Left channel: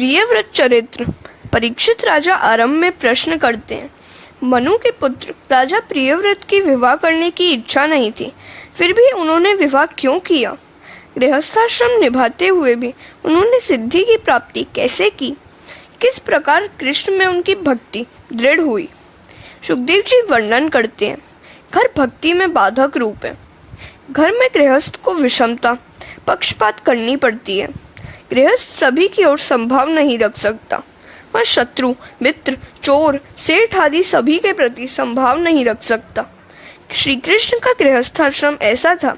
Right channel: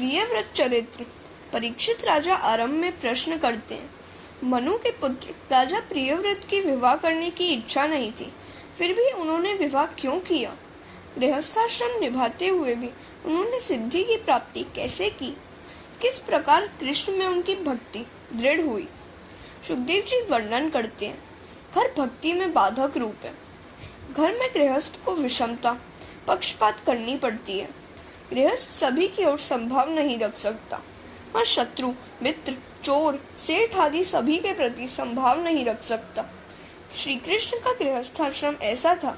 प्रियव्रत चरित्र। परीक्षित राजा आरंभ में प्रश्न करते हैं। मनु के पुत्र राजा प्रियव्रत की विवाह करने की इच्छा नहीं थी, फिर भी उन्होंने विवाह क्यों किया? गृहस्थाश्रम निभाते हुए भी उन्होंने सिद्धि की प्राप्ति कैसे की? किस प्रकार कृष्ण में उनकी भक्ति दृढ़ हुई? सुखदेव जी वर्णन करते हैं। घर भक्ति में बाधक रूप है। घर में गृहस्थ को विषमता, पक्षपात करनी पड़ती है। गृहस्थ सभी की ओर संभाव नहीं रख सकता। वह शत्रु, मित्र, चोर, सेठ आदि सभी के प्रति संभाव नहीं रख सकता। श्री कृष्ण का गृहस्थाश्रम ऐसा था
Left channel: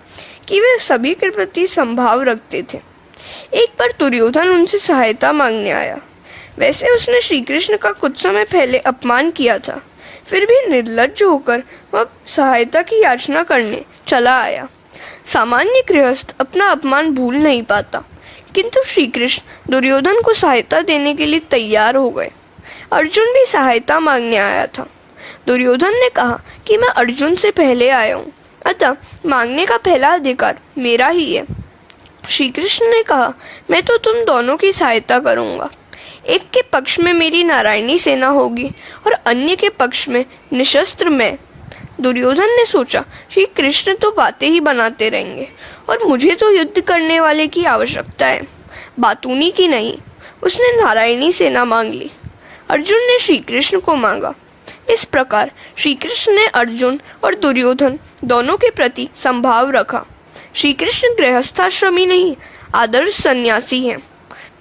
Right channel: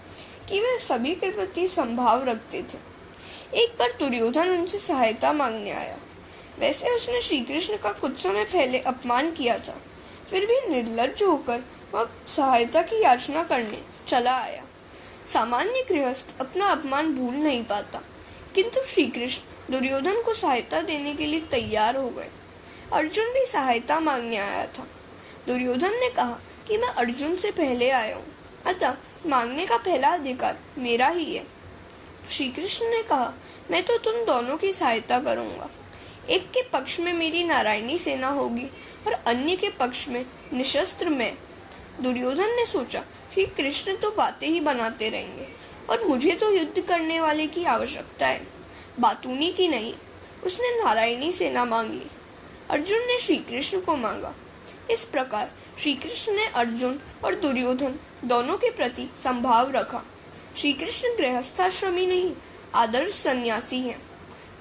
कि वे सभी के प्रति संभाव रखते थे। एक बार दुर्योधन उनसे सहायता मांगने आया। वैसे उसने श्री कृष्ण का कुछ समय पहले अपमान किया था, फिर भी निर्लज्ज होकर वह सहायता की याचना करने चला आया। सामान्य गृहस्थ अपना अपमान भूल नहीं पाता, किंतु श्री कृष्ण दुर्योधन को सहायता देने के लिए तैयार हो गए। अर्जुन भी सहायता मांगने आया था। दुर्योधन ने कहा कि मैं अर्जुन से पहले आया हूँ, अतः मांगने का पहला अधिकार मेरा ही है। श्री कृष्ण ने कहा, मैं तो तुम दोनों की सहायता करूँगा। एक के पक्ष में मेरी नारायणी सेना होगी और अन्य के पक्ष में निशस्त्र मैं। दुर्योधन ने सोचा, श्री कृष्ण तो बातें ही बनाते रहेंगे और मुझे तो युद्ध करने वाले की आवश्यकता है, बातूनी की नहीं। उसने नारायणी सेना मांग ली। अर्जुन ने श्री कृष्ण को मांगा। इस प्रकार श्री कृष्ण ने अर्जुन और दुर्योधन दोनों के प्रति संभाव रखा। श्री कृष्ण गृहस्थाश्रमी नहीं, आदर्श सन्यासी हैं।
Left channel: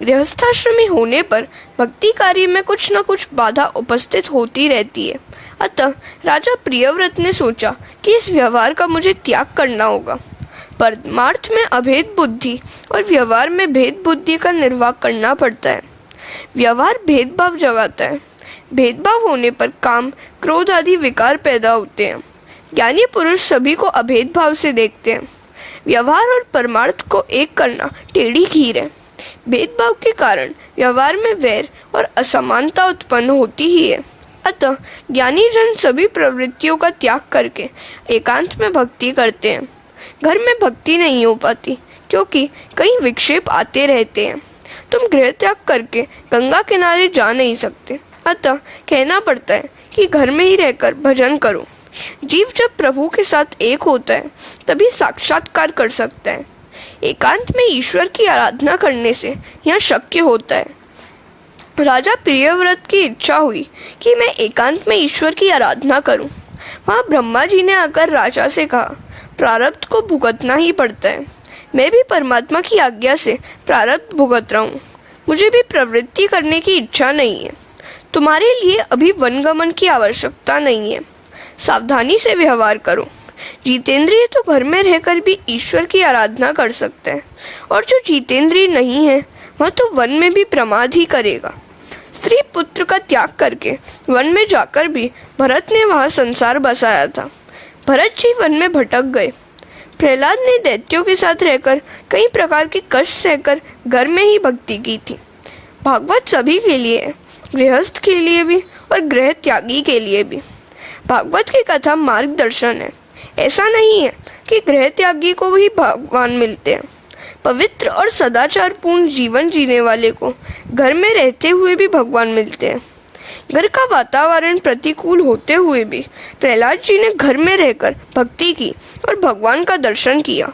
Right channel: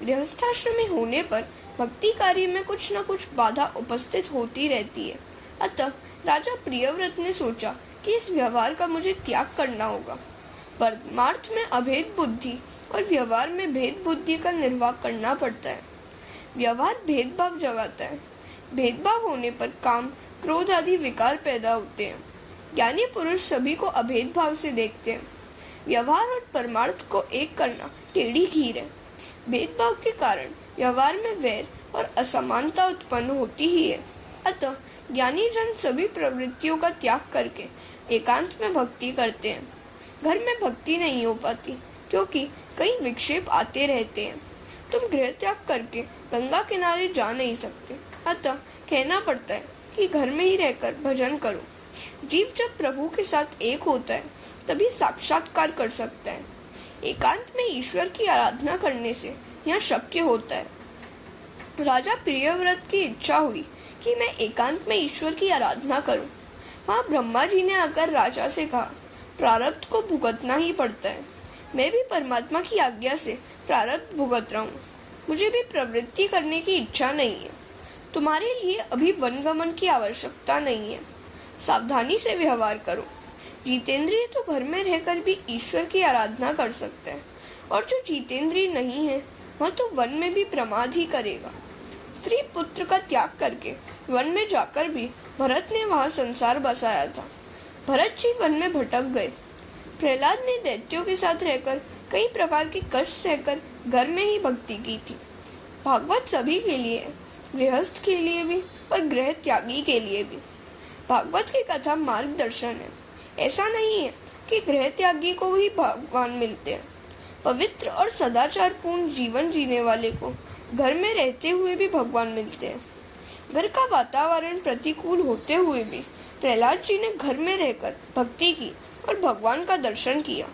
गृहस्थाश्रमी होने पर भक्ति कार्य में कुछ न कुछ बाधा उपस्थित होती रहती है। अतः राजा प्रियव्रत ने सोचा कि इस व्यवहार का मुझे त्याग करना होगा। परमार्थ में अभेद बुद्धि और व्यवहार में भेद बुद्धि का निर्वाह करना पड़ता है। व्यवहार भेदभाव जगाता है। भेदभाव होने पर काम, क्रोध आदि विकार पैदा होते हैं। ज्ञानी पुरुष सभी को अभेद भाव से देखते हैं। व्यवहार और परमार्थ को एक करना टेढ़ी खीर है। भेदभाव के कारण व्यवहार में वैर और असमानता उत्पन्न होती ही है। अतः ज्ञानी जन सभी प्रवृत्तियों का त्याग करके एकांत में भक्ति करते हैं। घर में भक्ति नहीं हो पाती क्योंकि कई विक्षेप आते रहते हैं। तुम गृह त्याग करके गंगा किनारे जा नहीं सकते, अतः कहना पड़ता है कि घर में ही रहकर भजन करो। जीव जब प्रभु के साथ एक होता है तभी साक्षात्कार कर सकता है। एकांत में ईश्वर की आराधना करने से यह शक्य होता है। राजा प्रियव्रत की इच्छा हुई कि मैं एकांत में ईश्वर की आराधना करूं। वहाँ ब्रह्मा जी ने आकर राजा से कहा, प्रारब्ध को भुगतना ही पड़ता है। मैं भी परमात्मा की आज्ञा से प्रारब्ध भुगत रहा हूँ। मुझे भी प्रवृत्ति करने की इच्छा नहीं है। तुम्हारे लिए अभी वनगमन की आवश्यकता नहीं है। सावधानी से व्यवहार करो। जितेंद्रिय तो घर में रहकर भी ईश्वर की आराधना कर सकते हैं, और जो जितेंद्रिय नहीं है वह तो वन में भी प्रमाद ही करेगा। स्त्री पुत्र का त्याग करके वन में जाकर भी भरत ने वहाँ संसार बसाया था। भरत जी वन में भटक गए। प्रहलाद ने दैत्यों के साथ रहकर कई प्रकार के कष्ट सहकर घर में ही भक्ति की थी। भागवत सभी के लिए है, गृहस्थ के लिए भी और गृह त्यागी के लिए भी। भागवत की कथा मार्गदर्शन है। ऐसा नहीं है कि गृह त्यागी को ही भगवान मिलते हैं। पवित्र और सदाचार पूर्ण जीवन जीने वाले को घर में रहते हुए भी भगवान मिलते हैं। घर का वातावरण प्रतिकूल होते हुए भी प्रहलाद जी ने घर में रहकर भक्ति की और भगवान का दर्शन किया।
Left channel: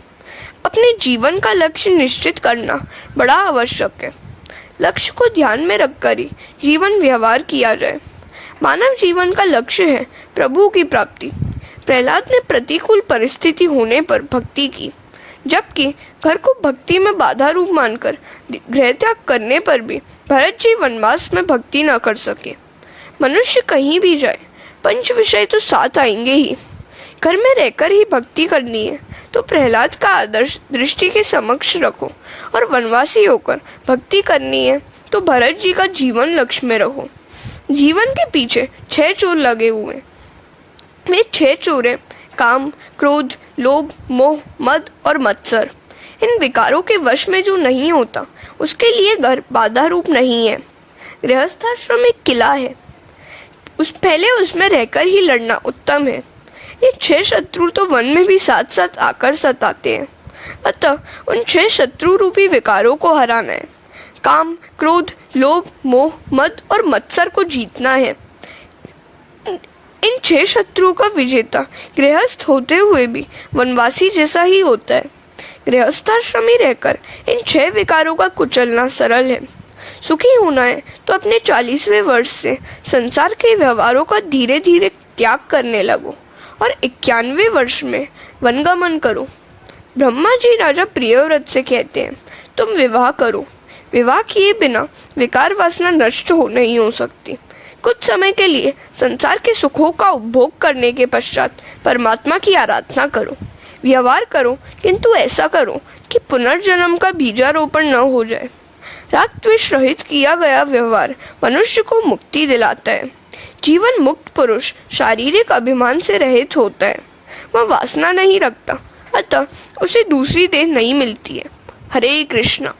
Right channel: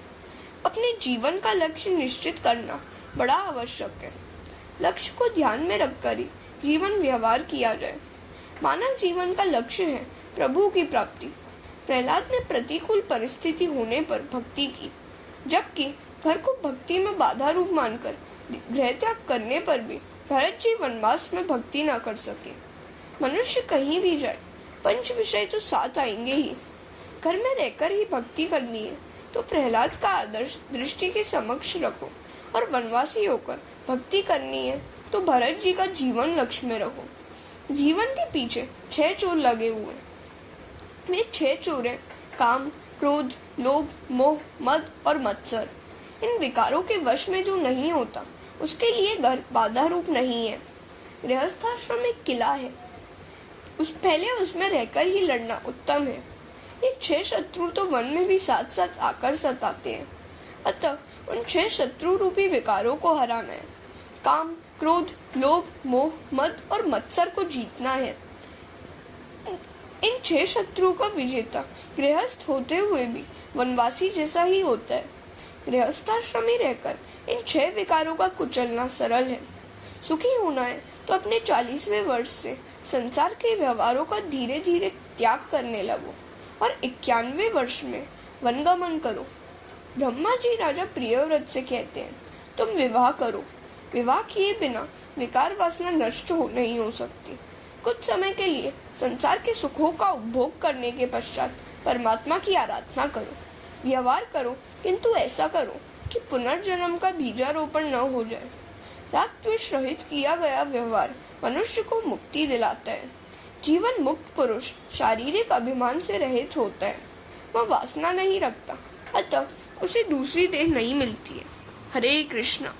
अपने जीवन का लक्ष्य निश्चित करना बड़ा आवश्यक है। लक्ष्य को ध्यान में रखकर ही जीवन व्यवहार किया जाए। मानव जीवन का लक्ष्य है प्रभु की प्राप्ति। प्रहलाद ने प्रतिकूल परिस्थिति होने पर भक्ति की, जबकि घर को भक्ति में बाधा रूप मानकर गृह त्याग करने पर भी भरत जी वनवास में भक्ति न कर सके। मनुष्य कहीं भी जाए, पंच विषय तो साथ आएंगे ही। घर में रहकर ही भक्ति करनी है तो प्रहलाद का आदर्श दृष्टि के समक्ष रखो, और वनवासी होकर भक्ति करनी है तो भरत जी का जीवन लक्ष्य में रखो। जीवन के पीछे 6 चोर लगे हुए। वे 6 चोर हैं: काम, क्रोध, लोभ, मोह, मद और मत्सर। इन विकारों के वश में जो नहीं होता उसके लिए घर बाधा रूप नहीं है। गृहस्थाश्रम एक किला है, पहले उसमें रहकर ही लड़ना उत्तम है। ये 6 शत्रु तो वन में भी साथ साथ आकर सताते हैं, अतः उन 6 शत्रु रूपी विकारों को हराना है। काम, क्रोध, लोभ, मोह, मद और मत्सर को जीतना है। इन 6 शत्रुओं का विजेता गृहस्थ होते हुए भी वनवासी जैसा ही होता है। गृहस्थाश्रम में रहकर इन 6 विकारों का कुचलना सरल है। सुखी होना है तो अपने 40वें वर्ष से संसार के व्यवहारों का धीरे धीरे त्याग करने लगो और 91वें वर्ष में वनगमन करो। ब्रह्मा जी राजा प्रियव्रत से कहते हैं, तुम विवाह करो। विवाह किए बिना विकार वासना नष्ट नहीं हो सकती। कुछ समय के लिए संसार के सुखों का उपभोग करने के पश्चात परमात्मा की आराधना करो। व्यवहार करो, किंतु ऐसा करो कि पुनर्जन्म का बीजारोपण न हो जाए। राग द्वेष रहित किया गया व्यवहार मनुष्य को मुक्ति दिलाता है। जीवन मुक्त पुरुष शारीरिक अभिमान से रहित होता है। वह वासना नहीं रखता, अतः उसे दूसरी देह नहीं मिलती है। हरे कृष्ण।